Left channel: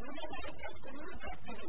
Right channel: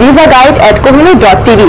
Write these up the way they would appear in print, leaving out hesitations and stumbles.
@visaguide@kohinoor.tv।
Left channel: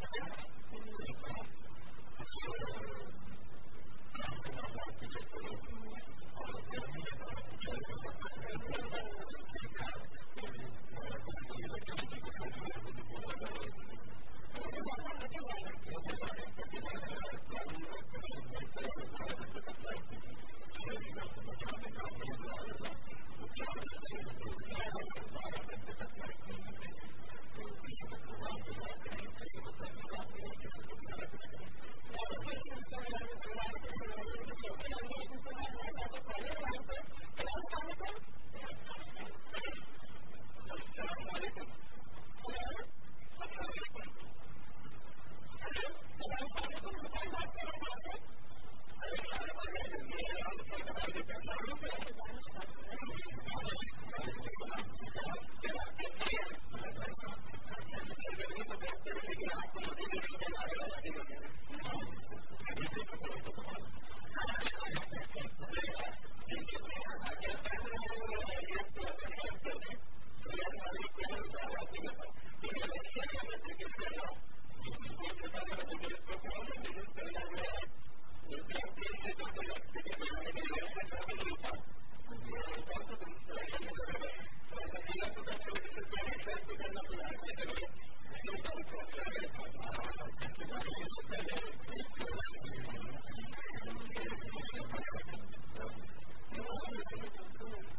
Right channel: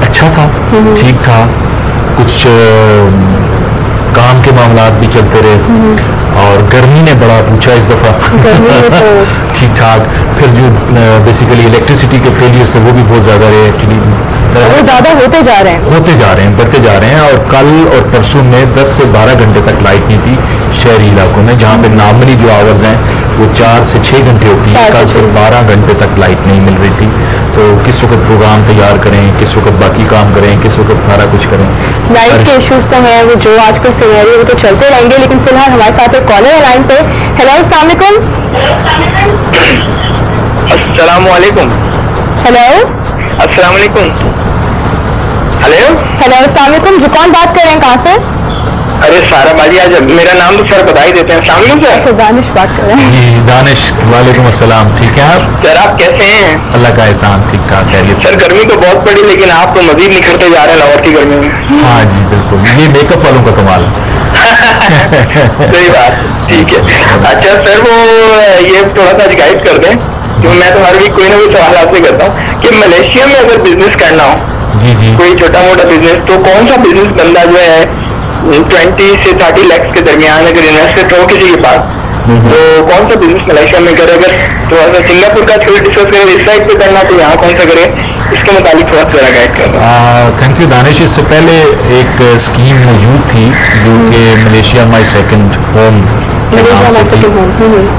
اچھا تھا, ٹھیک تھا, کچھ کام کے معاملات بھی چلتے رہے, اور گرمی نے بڑا پوچھا اس دفعہ. ٹھیک ٹھاک. پھر جو بیسیکلی الیکٹریسٹی کے فیلئر سے وہ بھی بہت زیادہ رہے, ایکچولی وہ زیادہ ہوتے جا رہے ہیں, بڑھتے جا رہے ہیں. اور کل اور پرسوں میں 10 سے 12 گھنٹے تک لائٹ نہیں تھی شہری علاقوں میں, جہاں پہ نارملی جو آورز ہیں وہ 4 سے 6 گھنٹے ہوتی ہیں, کل سے 12 گھنٹے تک لائٹ نہیں مل رہی تھی. تو کس وقت پروگرام تیار کریں, کس وقت باقی کام کریں, کس وقت سارا کچھ کریں. لائٹ کے ایشوز تو ہیں, وہ جو آج کل سینیریو وہ تو چلتے رہیں گے, لیکن فی الحال ہمارے ساتھ ایک کالر لائن پہ. ہیلو, السلام علیکم. السلام علیکم. ہیلو, السلام علیکم. ہیلو, السلام علیکم. جو کون بات کر رہے ہیں, کہاں سے؟ ارے سارا باجی, آج میرا نام تو سر بتا ہی دیتے ہیں. السلام علیکم سر. دانش بات کر رہے ہیں. جی دانش, وعلیکم السلام. ٹھیک ہے آپ؟ سر آپ کیسے ہیں؟ اللہ کا احسان, ٹھیک ٹھاک. خیریت. سر گرمی تو بہت پڑی, لیکن آپ تو مزید نکھرتے جا رہے ہیں لاہور کی گرمی میں. ہاں جی بالکل, یہ میک اپ والوں کا کمال ہے. صحیح بات, ٹھیک ہے. اچھا سر, وہ یہ تھوڑا سا گائڈ کر دیں, کیونکہ میں تو ہر ویک کوئی نہ کوئی سوال آپ سے کرتا ہوں کہ ملیشیا میں اگر بزنس کرنا ہو, جی کوئی چھوٹا موٹا بزنس, تو کون سا بزنس بندہ جو ہے 20 سے 30 لاکھ کے درمیان اگر انویسٹر ہو کسی کے پاس, تو کون سا بزنس ملیشیا میں کرے؟ اگر تھوڑا سا سنگاپور کا تھوڑا ڈسکس کرے, اس سائڈ پہ کرنا تو یہاں کون سا کرے, اس کے متعلق تھوڑا سا گائڈ کر دیں. تھینک یو دانش. اس سے پہلے ایک اسکیم موجود تھی جو کہ ملیشیا مائی سیکنڈ ہوم,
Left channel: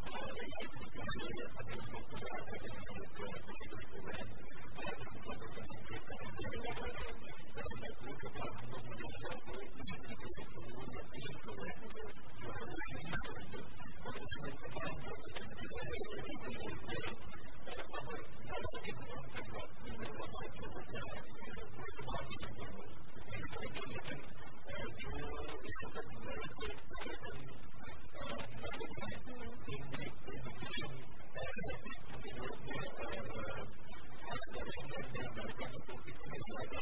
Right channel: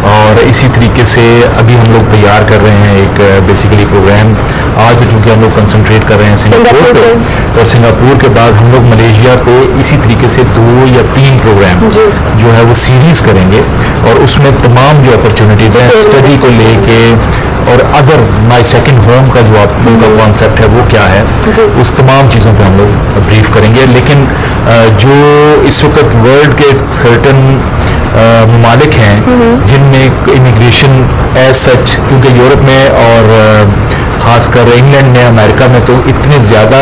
اور اسی طریقے سے ابھی ہم لوگ تیار کر رہے ہیں ایک بیسیکلی پروگرام. آج چونکہ ہم لوگ کنسنٹریٹ کر رہے ہیں سنگاپور پہ, اور سنگاپور کے بعد ہم لوگ ملیشیا پہ اسی طریقے سے 2 یا 3 پروگرام جو ہے وہ سیریز کریں گے, اور اس میں تمام جو اپرچونیٹیز ہیں اسٹڈی کو لے کے, اور ادر مائی سیکنڈ ہوم کا جو آپ کا کانسیپٹ ہے وہ کیا ہے, اس تمام چیزوں پہ ہم لوگ بریف کریں گے. لیکن جو اس وقت ورلڈ کے سرٹن ممالک ہیں جن میں امیگریشن ایز سچ, کیونکہ یورپ میں اور خاص کر انگلینڈ میں, امریکہ میں تو اتنے زیادہ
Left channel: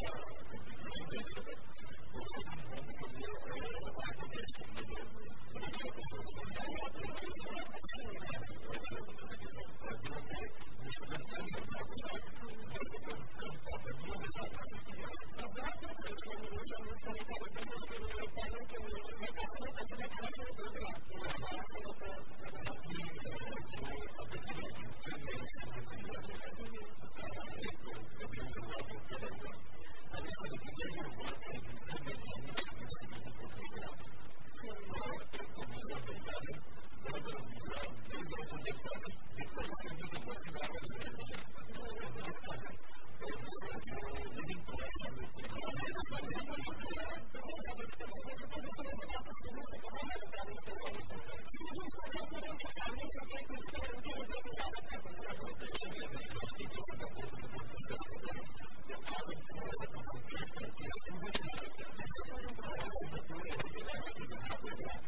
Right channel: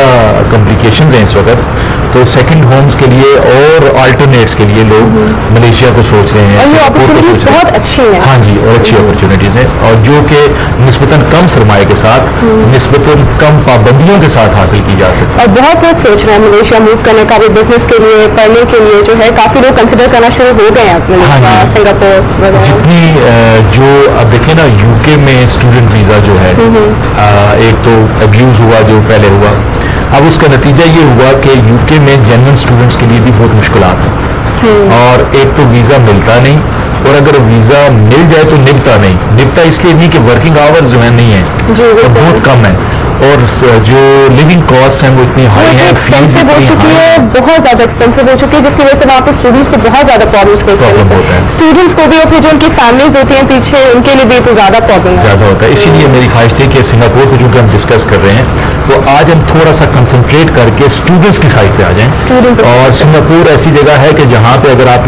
کمپلیکیشنز ہیں اس وقت, تو سیکنڈ ہومز کے لیے اور آلٹرنیٹس کے لیے لوگ ملیشیا کو سوچ رہے ہیں. بہت اچھی ہیں. ہاں جی, اور اچھی اپرچونیٹیز ہیں, اور جو کہ نسبتاً کم سرمایہ کے ساتھ, نسبتاً کم پابندیوں کے ساتھ حاصل کی جا سکتی. اور بہت لوگ سوچ رہے ہیں ملیشیا موو کرنے کا بھی, بزنس کے لیے, پڑھنے کے لیے جو ہے کافی لوگ کنسیڈر کرنا شروع ہو گئے ہیں. سنگاپور جتنی جو اب دیکھیں نا, یو کے میں اسٹوڈنٹ ویزا جو ہے, ایک تو ابیوز ہوا جو پہلے ہوا, اب اس کا نتیجہ یہ ہوا کہ یو کے میں جینوئن اسٹوڈنٹس کے لیے بھی بہت مشکلات ہیں, اور ایک تو ویزا ملتا نہیں, اور اگر ویزا مل جائے تو نبھتا نہیں. نبھتا اس لیے نہیں کہ ورکنگ آورز جو ہیں نہیں ہیں, اور بہت کم ہیں, اور جو لیونگ کاسٹ ہیں وہ اتنی ہائی ہیں, ایکسپینسو ہو چکی ہے, بہت زیادہ ایکسپینسو ہو چکی ہے, جس کی وجہ سے وہاں پہ اسٹوڈنٹس کو بہت زیادہ پرابلمس فیس کرنی ہوتی ہیں. اسٹوڈنٹس کو بھی, اور پھر جو ان کی فیملیز ہوتی ہیں پیچھے, ان کے لیے بھی تو زیادہ پرابلم ہوتا ہے. اسی لیے میری خواہش تھی کہ سنگاپور کو چونکہ ہم ڈسکس کر رہے ہیں, تو آج ہم تھوڑا سا کنسنٹریٹ کر کے اسٹوڈنٹس کی سائڈ پہ آ جائیں. اور سنگاپور ایسی جگہ ہے کہ جہاں پہ اگر آپ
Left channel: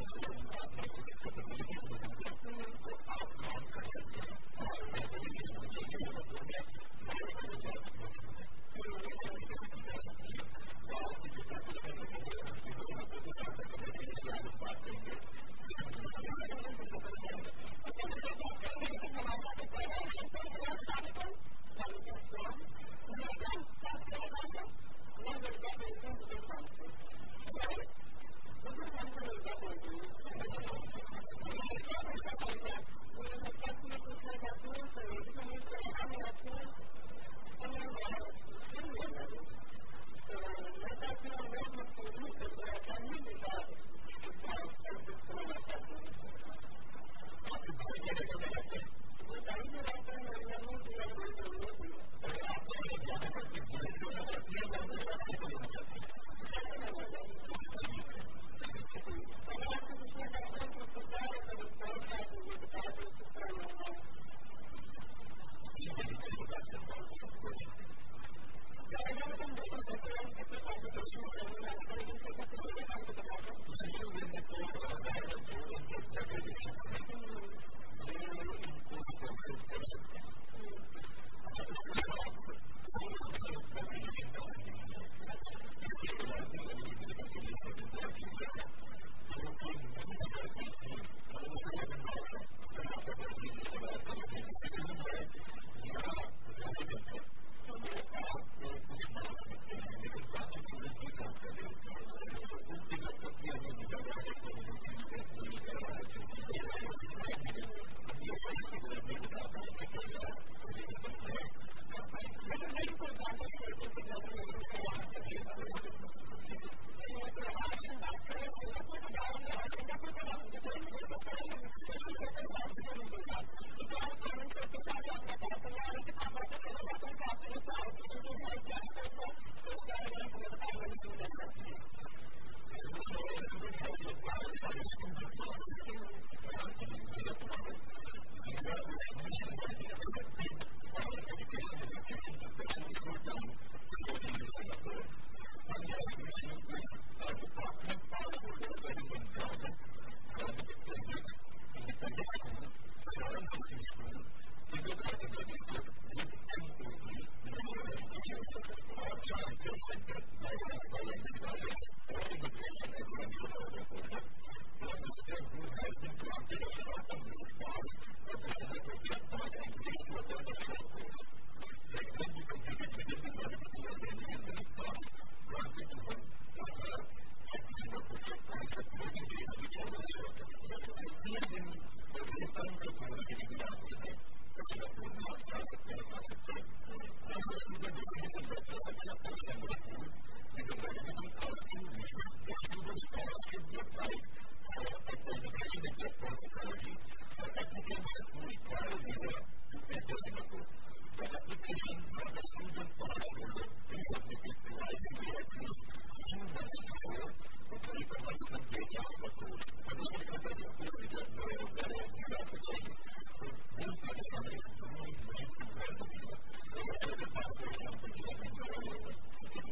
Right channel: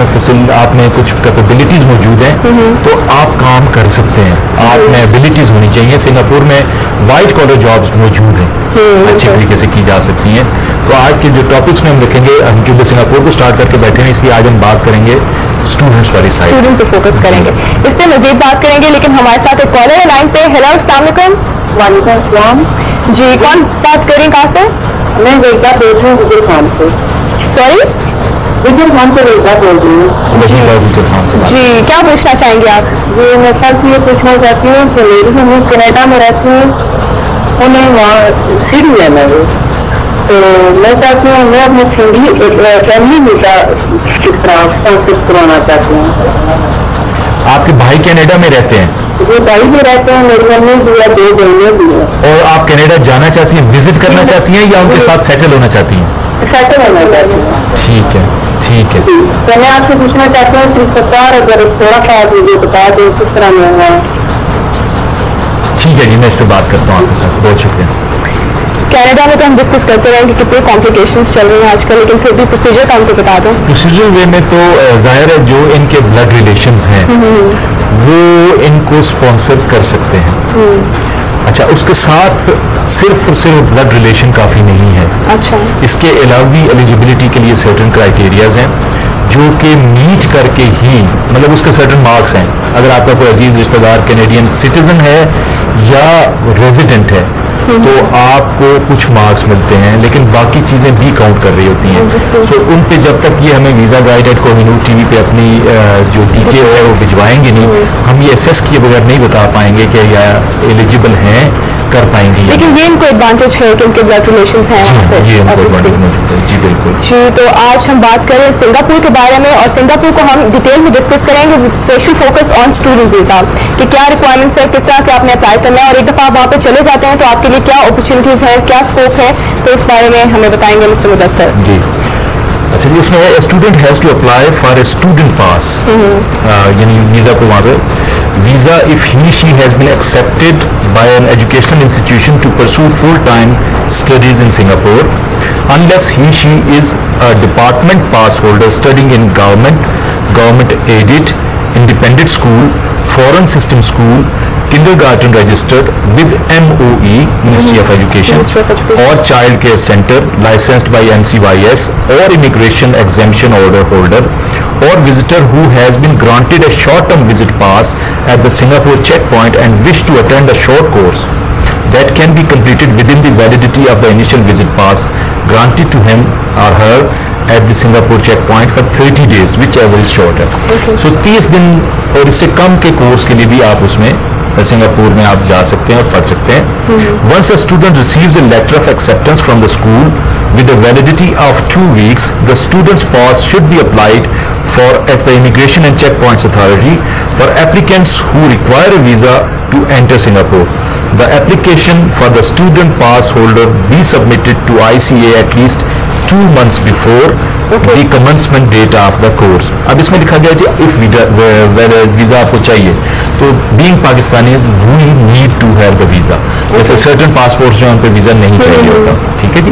میں کچھ کیپیبلٹیز موجود ہیں تو آپ کام کر سکتے ہیں, آپ میں ایبلٹیز ہونی چاہیے. سنگاپور میں وائٹ کالر جابس موجود ہیں, اچھی طریقے سے کی جا سکتی ہیں. تو آج کے جو ٹاپکس میں ہم رکھیں گے, ہم کیونکہ سنگاپور کو اسٹارٹ کر کے بیٹھے ہیں, اس لیے آج ہم بات کریں گے اسٹوڈنٹس والی سائڈ, اسٹوڈنٹ پہ فوکس کریں گے, اس پہ مزید بات کریں گے. لیکن ہمارے ساتھ ایک کالر ہے لائن پہ. ہیلو, السلام علیکم. وعلیکم السلام. جی, کون بات کریں, کہاں سے؟ میں ویدا بول رہی ہوں, گجر خان سے. سوری, گجر خان سے ویدا بول رہی ہوں. جی, کیا پوچھنا چاہیں گے آپ؟ جی, میں سر سے یہ پوچھنا چاہتی ہوں کہ میری ہم کینیڈا میں رہتی ہوں, انہیں وہاں سیڈی لینا ہے, تو میں چاہتی ہوں میں اپنی فیملی ویزا کس طرح اسپانسر کروانا چاہتی ہوں. آپ کے بھائی کینیڈا میں رہتے ہیں؟ جی, بھائی بھی رہتے ہیں, میری ممی بھی ہے, 2 بہنیں بھی ہیں. اور آپ کینیڈا جانا چاہتی ہیں, وزٹ کرنا چاہتی ہیں, یا ان کے ساتھ سیٹل ہونا چاہتی ہیں؟ سیٹل ہونا چاہتی ہوں. ٹھیک ہے, ٹھیک ہے. تو میں آپ سے پوچھنا چاہتی ہوں کہ سرکار اگر تھوڑا سا مجھے بتا دیں کس طرح میں ہوا. ٹھیک ہے جی, میں اس پہ بات کرتا ہوں آپ کے ساتھ. بہت شکریہ. کینیڈا میں تو ہم ڈسکس کرتے رہیں گے کتنے کمپلیکیشنز چل رہی ہیں آج کل, لیکن پھر بھی پروسیجر کا ہم کو بتا دوں. پروسیجر وے میں تو ظاہر ہے جو ان کے بلڈ ریلیشنز ہیں وہ ان کو اسپانسر کر سکتے ہیں. اچھا, اس کے ساتھ صرف اور صرف بلڈ ریلیشن کافی نہیں ہے. اچھا, اس کے علاوہ بھی ایلیجبلٹی کے لیے سرٹن کرائیٹیریاز ہیں جو کہ میٹ کر کے ہی, مطلب اس کے سرٹن مارکس ہیں. اگر آپ کا کوئی عزیز رشتہ دار کینیڈین سٹیزن ہے یا ریزیڈنٹ ہے, تو آپ کو کچھ مارکس ملتے ہیں, لیکن باقی چیزیں بھی کاؤنٹ کر رہی ہوتی ہیں. سو ان پہ جب تک یہ ہمیں visa guide at Kohinoor T V پہ اپنی جو ڈیٹیل ہے وہ بھجوائیں گے نہیں, ہم یہ اسیس کیے بغیر نہیں بتا پائیں گے کہ یہ ایلیجیبل ہیں, کر پائیں گے. لیکن یہ ان کو ایڈوانٹیج ہے کہ ان کے بلڈ ریلیشنز ہیں. یہ ان کو ایڈوانٹیج موجود ہے. جی بالکل. جی تو آج ہم بات کریں سنگاپور کے بارے میں, اور سنگاپور کو ہم ڈیٹیل میں ڈسکس کریں گے with special focus on student visa, کہ کیا ریکوائرمنٹس ہے, کس طرح سے آپ نے اپلائی کرنا ہے, اور ایک دفعہ آپ وہاں پہ چلے جاتے ہیں تو آپ کے لیے کیا اپرچونیٹیز ہیں, کیا اسکوپ ہے, تو اس بارے میں ہمیں بتائیں گے مسٹر مدثر. جی اچھا جی, اس میں student has to apply for a student pass, یعنی ویزا کو وہاں پہ visa if he she has been accepted by an educational institution to pursue full time studies in Singapore, unless he she is a department pass holder studying in government aided independent school, foreign system school, kindergarten registered with MOE Ministry of Education, or child care center licensed by MCYS, or immigration exemption order holder, or visitor who has been granted a short term visit pass at the Singapore checkpoint and wish to attend a short course that can be completed within the validity of the initial visit pass granted to him or her at the Singapore checkpoint for 30 days, whichever is shorter. So 30 دن اور اس سے کم کے course کے لیے بھی آپ اس میں Singapore میں آپ جا سکتے ہیں اور پڑھ سکتے ہیں. Once a student receives a letter of acceptance from the school with a validity of 2 weeks, the student's pass should be applied for at the Immigration and Checkpoints Authority for applicants who require a visa to enter Singapore. The application for the student pass holder be submitted to ICA at least 2 months before the commencement date of the course. اب اس میں لکھا گیا جی if visa آپ کو چاہیے تو being Pakistanis we need to have the visa. جیسے certain passports جو ان پہ ویزا نہیں چاہیے ہوتا. ٹھیک ہے جی.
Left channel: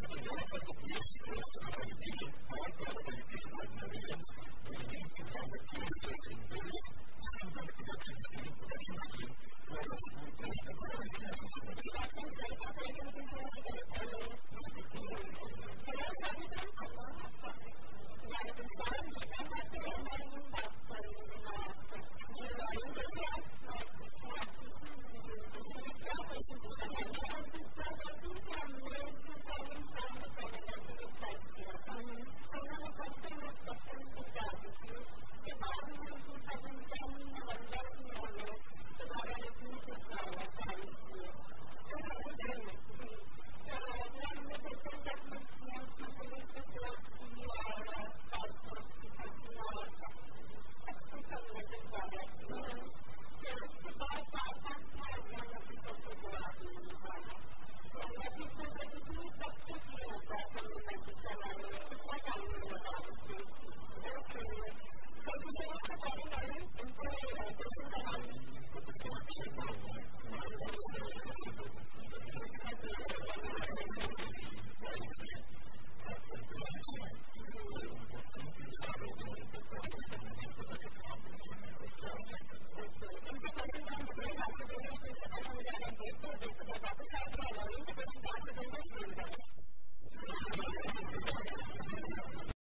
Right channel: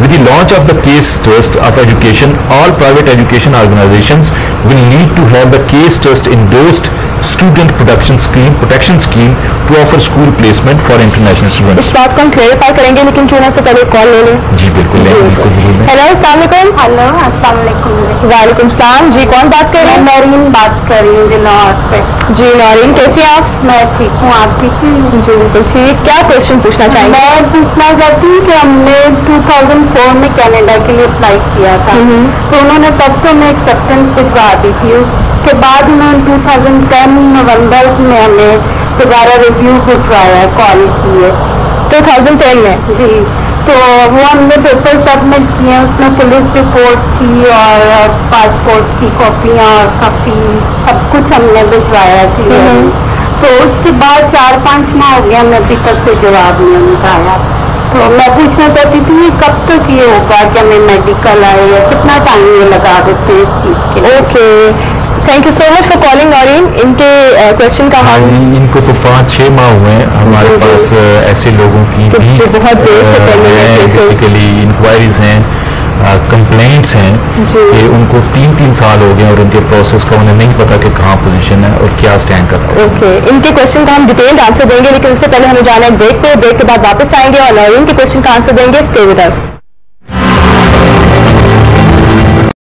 With the launch of the case test of education, all private education organizations will need to have the case test endorsed student protection scheme to offer school placement for international students. اس بات کو ہم clarify کریں گے, لیکن کیوں نہ سے پہلے کال لے لیں. جی بالکل لیں, بالکل ضرور. ہیلو السلام علیکم. ہلو السلام علیکم. وعلیکم السلام. جی کون بات کر رہے ہیں؟ نورین بات کر رہی ہوں جناب سے. جی نورین کیسی ہیں آپ؟ میں ٹھیک ہوں, آپ ٹھیک ہیں؟ جی بالکل ٹھیک. کیا کوشچن پوچھنا چاہیں گے؟ میں پوچھنا چاہتی ہوں کہ ہم نے 2004 میں کینیڈا کے لیے اپلائی کیا تھا, تو انہوں نے تب سے ہمیں ایکسیپٹنس بھجوا دی تھی. اس کے بعد انہوں نے 2010 نومبر میں ہمیں دوبارہ ریویو بھجوایا, کال کی ہے 2010 میں. جی تو وہ ہم نے پیپر سبمٹ کیے ہیں, اس میں پولیس رپورٹ کی اور پاسپورٹ کی کاپیاں اور کافی سب کچھ ہم نے بھجوایا تھی. تو اس کے بعد 4-5 ماہ ہو گیا, ہمیں ابھی تک سے جواب نہیں ملا. تو میں پوچھنا چاہتی تھی کب تک یہ ہوگا کہ ہمیں میڈیکل آئے, یا کتنا ٹائم یہ لگا دیتے ہیں اس چیز کے؟ Okay thank you so much for calling Noreen. ان کے کوشچن کا حل ان کو تو 5-6 ماہ ہوئے ہیں. ہمارے پاس ایسے لوگوں کی بھی جو بہت دیر سے بیسیکلی انکوائریز ہیں, کمپلینٹس ہیں کہ ان کو 3 سال ہو گئے اور ان کے پروسیس کا انہیں نہیں پتا کہ کہاں پوزیشن ہے اور کیا اسٹینڈ کر رہا ہے. اوکے ان کے کوشچن کا ہم ڈیٹیلڈ آنسر دیں گے, لیکن اس سے پہلے ہمیں جانا ہے بریک پہ. بریک کے بعد واپس آئیں گے اور نورین کے کوشچن کا آنسر دیں گے. Stay with us.